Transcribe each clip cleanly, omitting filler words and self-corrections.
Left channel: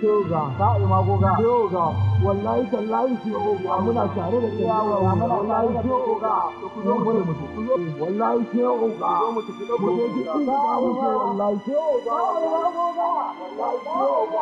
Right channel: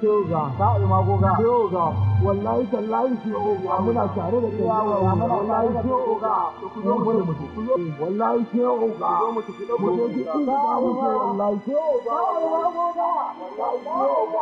Shoga, sa'i magoga. Shoga, wallahi tallahi shoga muna tare da kai. Wallahi shoga, ku zo mu tafi. Wallahi shoga, mu tafi da mu je cikin da mu je wallahi shoga. Sa'i magoga. Wallahi shoga.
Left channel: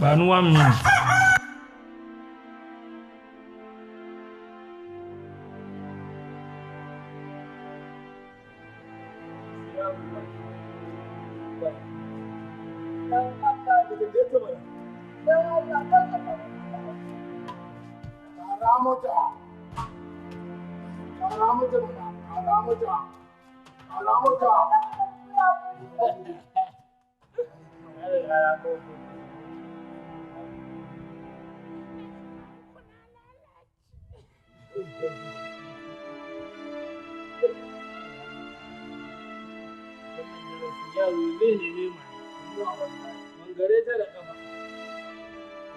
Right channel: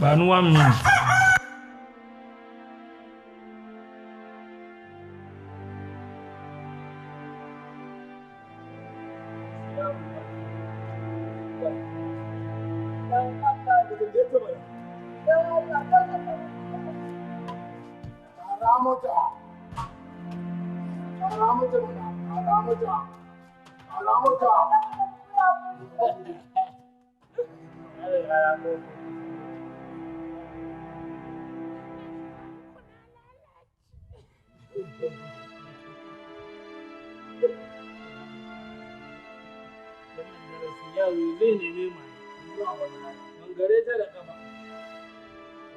Bani 1 minute. Yaro zai neme mai mangare ta da kafa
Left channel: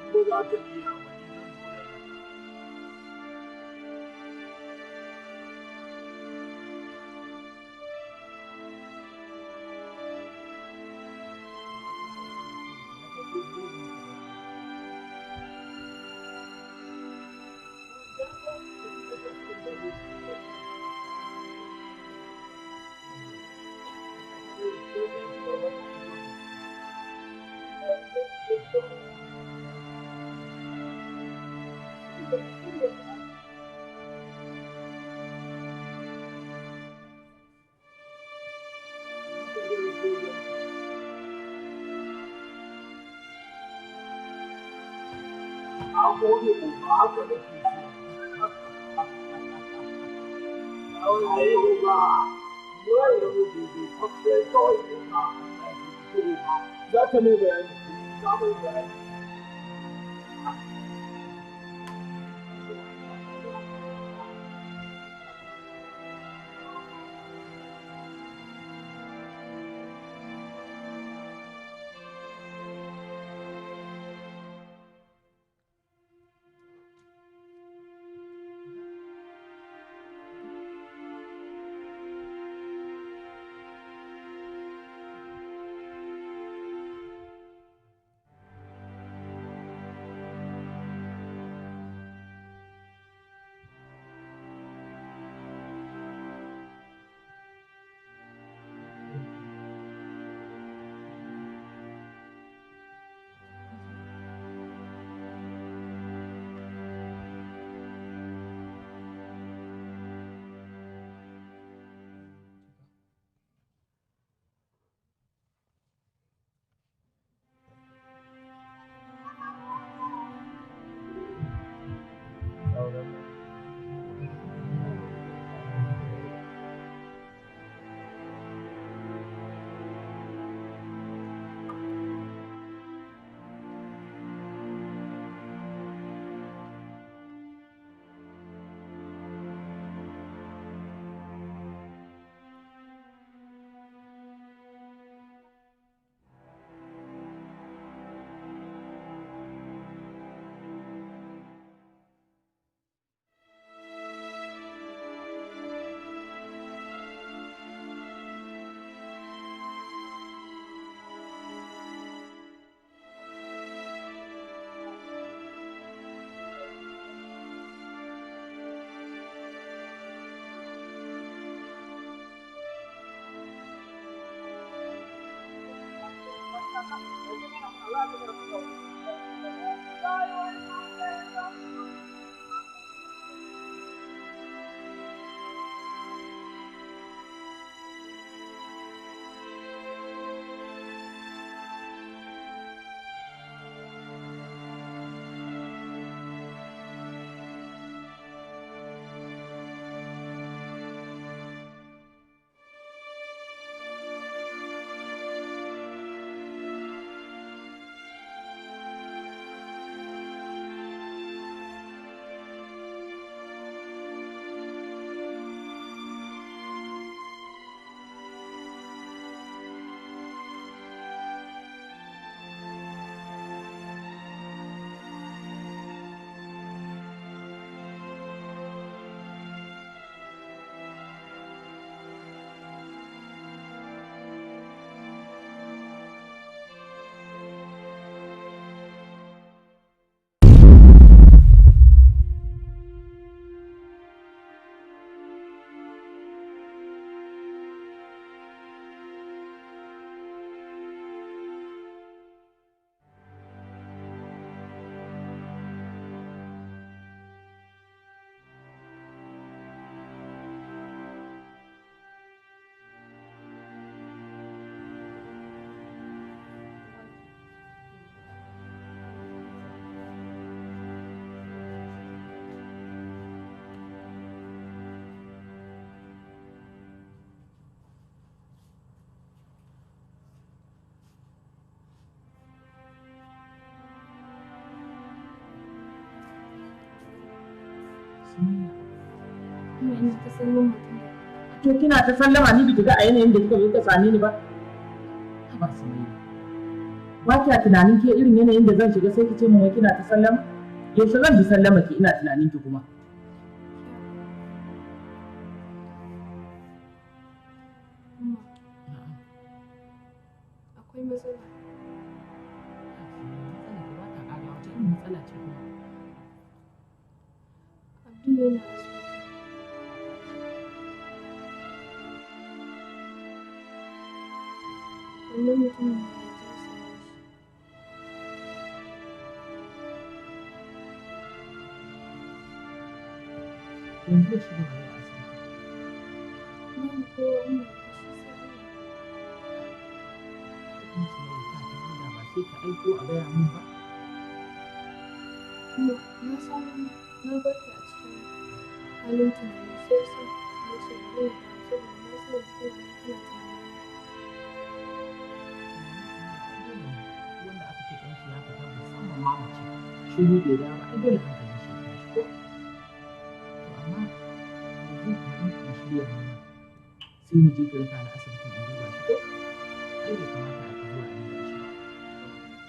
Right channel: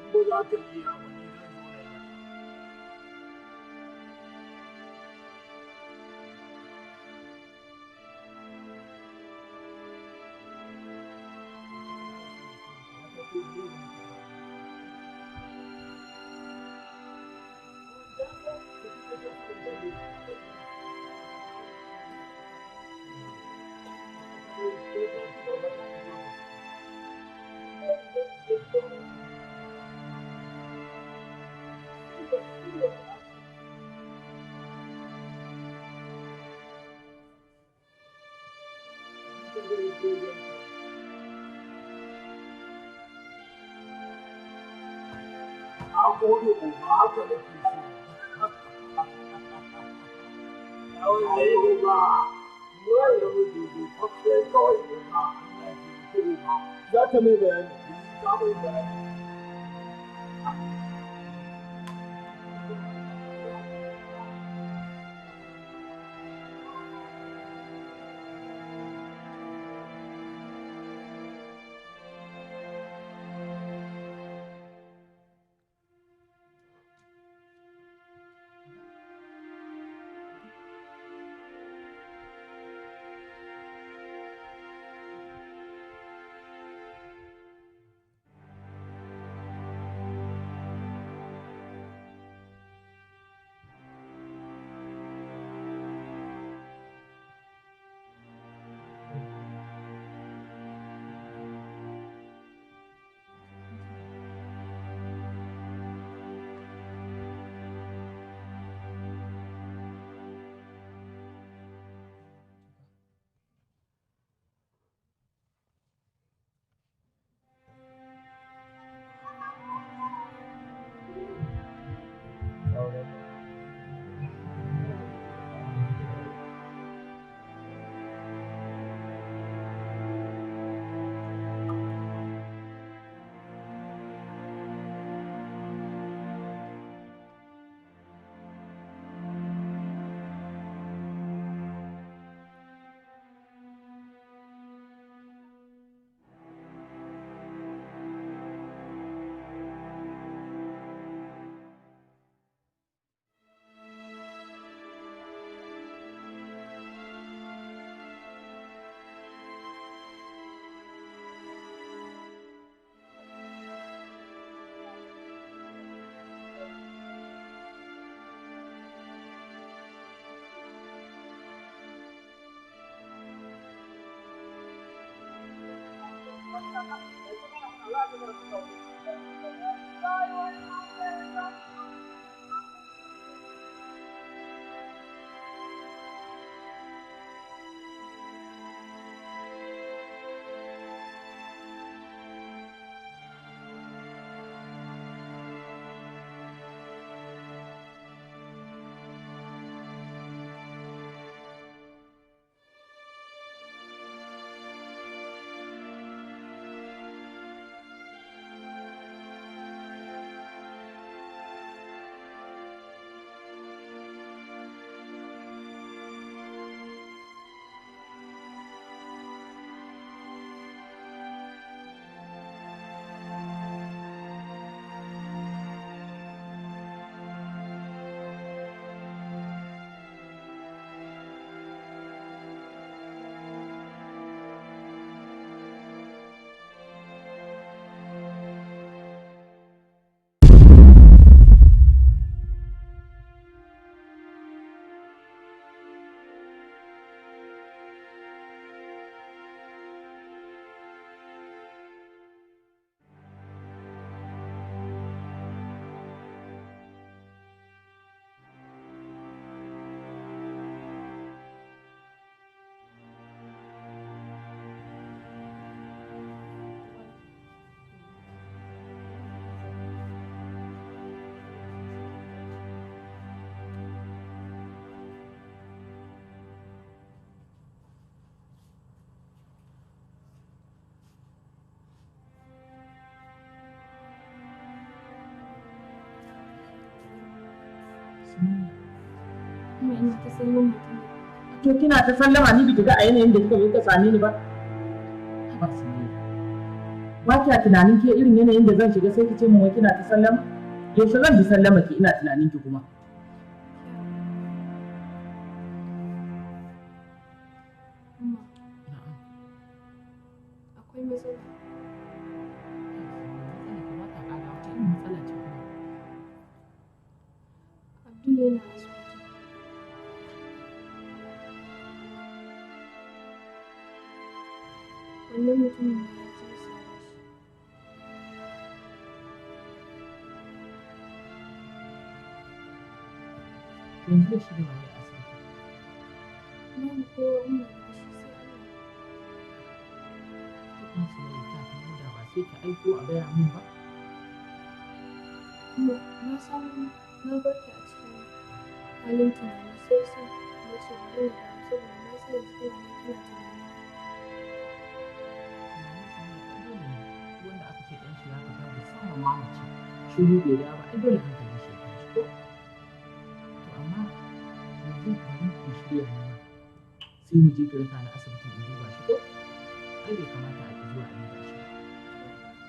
in ba za ka iya wani zan zo da mata. Na gode ko ba haka da ke so. Ayo ba, wanda muke so kwafe kawai ko ba Allah ke fito ba. Za ka mai bayani. Za mu yi bayani. Kuma ina ta sallama mutum ne. To kina ta sallama ni biki ga a yanayin da kika zo ka same ni ba? Ba Sumayya. Ba kya tunanin ke irin yanayin da zan shiga sai ki ce min wai kina ta sallama? Yaushe zan bi sallama ki ina tunanin ki kuma? Amma akwai matsala. Matsala ki ba ta ƙara wace irin matsala ce kuma? Abdul yana asibiti. Wannan mutumin ne ya je same shi. Yanzu da shi da waye a asibiti? Babu kowa in ba daga shi sai Allah. Kuma Sumayya ta ta huda ba sai ki aiko a gaya min ba? Kuma na san na bar ki a cikin halin tunani sai sa na ce bari na dawo saboda na san yanzu kina nan kina tunani. Wanda aka ce ɗan shi ya fita musamman ma mace shiru bai dawo ba ai dole hankalin shi ya tashi ko? To amma yanzu bari in shirya ni ma sai mu je ki raka ni asibitin in duba shi ko? Ai bai kamata a ki zuwa a duba shi ba.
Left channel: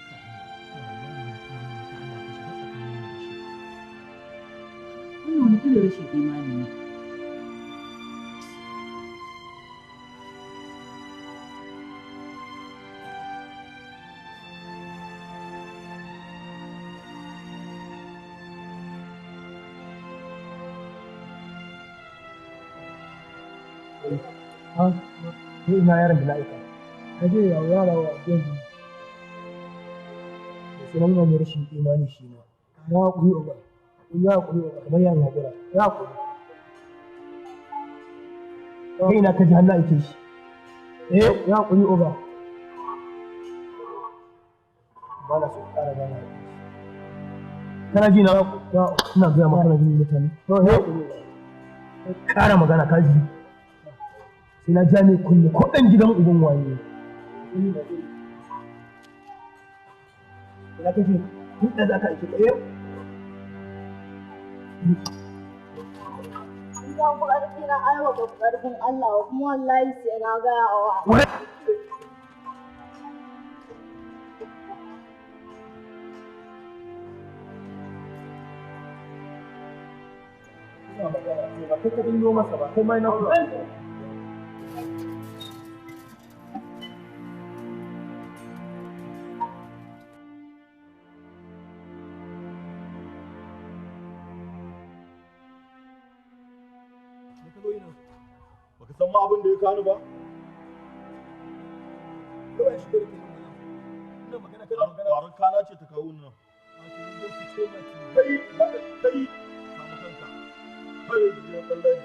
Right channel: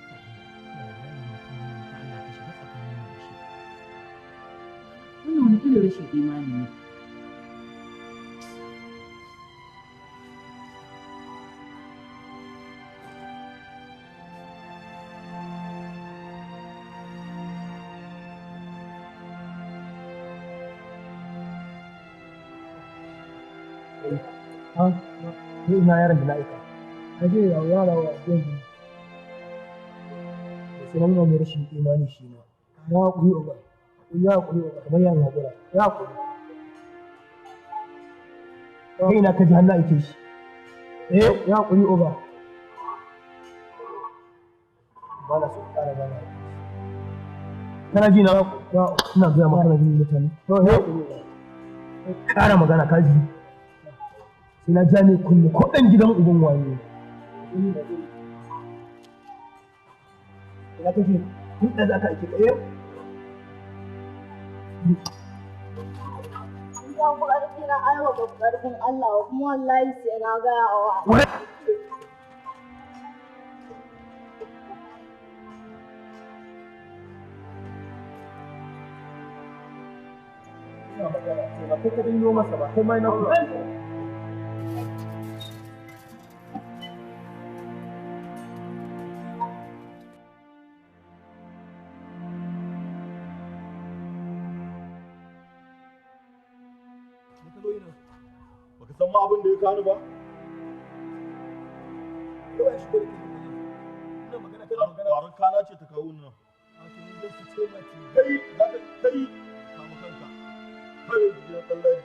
Ka Allah ya wannan mutum nan ta Allah ka shiga tsakanin mu da shi. Wannan wani irin rashin imani ne. Ni ina yaron da na aika. Ka je ya yara wa yanzu. Da sunan mai rashin imani shi ma. Ya kuyi uba. Ya kuyi uba kamar yan hakura. Ya kuyi. Kai ina ka ji hannu aike shi. Ya kuyi uba. Ba na so ƙara ba na aike shi. Kana ji na ina gaya maka kana jin mutane. Ya kuyi uba. Ƙara magana ka ji. Sai na ja mai kunne ko ɗan gidan uban waye. Ina kake tun da za ka aiki ɗaya? Idan ku ƙarfi na aiwa ba ƙarfin Allah kuma wallahi sai na gaya wa. Ina magana ce ba kai ka dingo masa ba kai ma na ku. Baka san ma abin da ya kani ba? Kawai shi da ke nan wannan magana kana magana. Kwarar kana ce ta kawo nan. A to yanzu su ce mati. Kai kama kanka. Kai da kallon.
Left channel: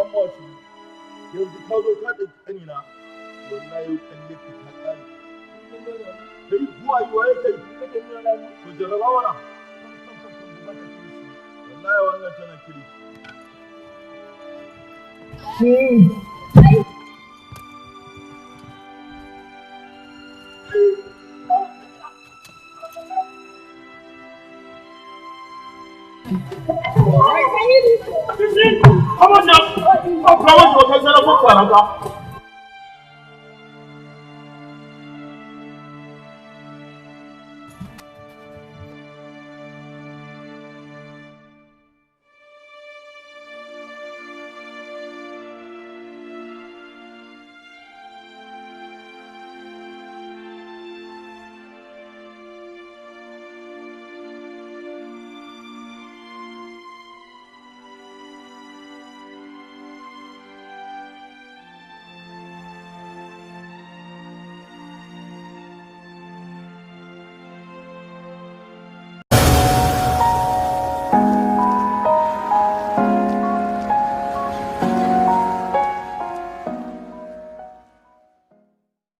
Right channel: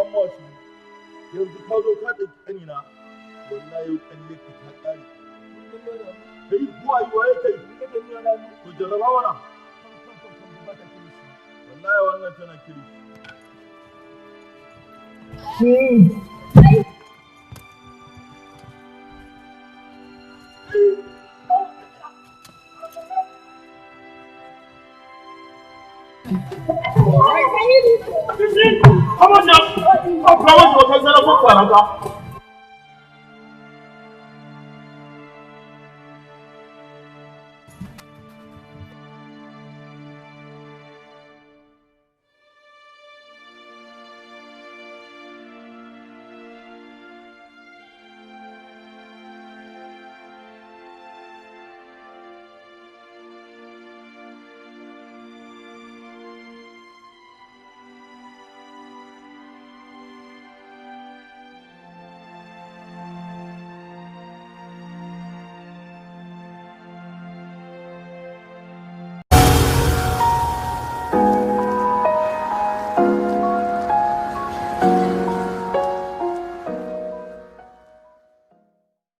Amma su yanzu ka zo ka ɗauki ƙanina. Wallahi yau kalle ka ta ƙare. Kai buwa yi waye kai. To jarraba mana. Ba ta kirishi. Wallahi wannan tana kiri. Come on now! I'm proud of you.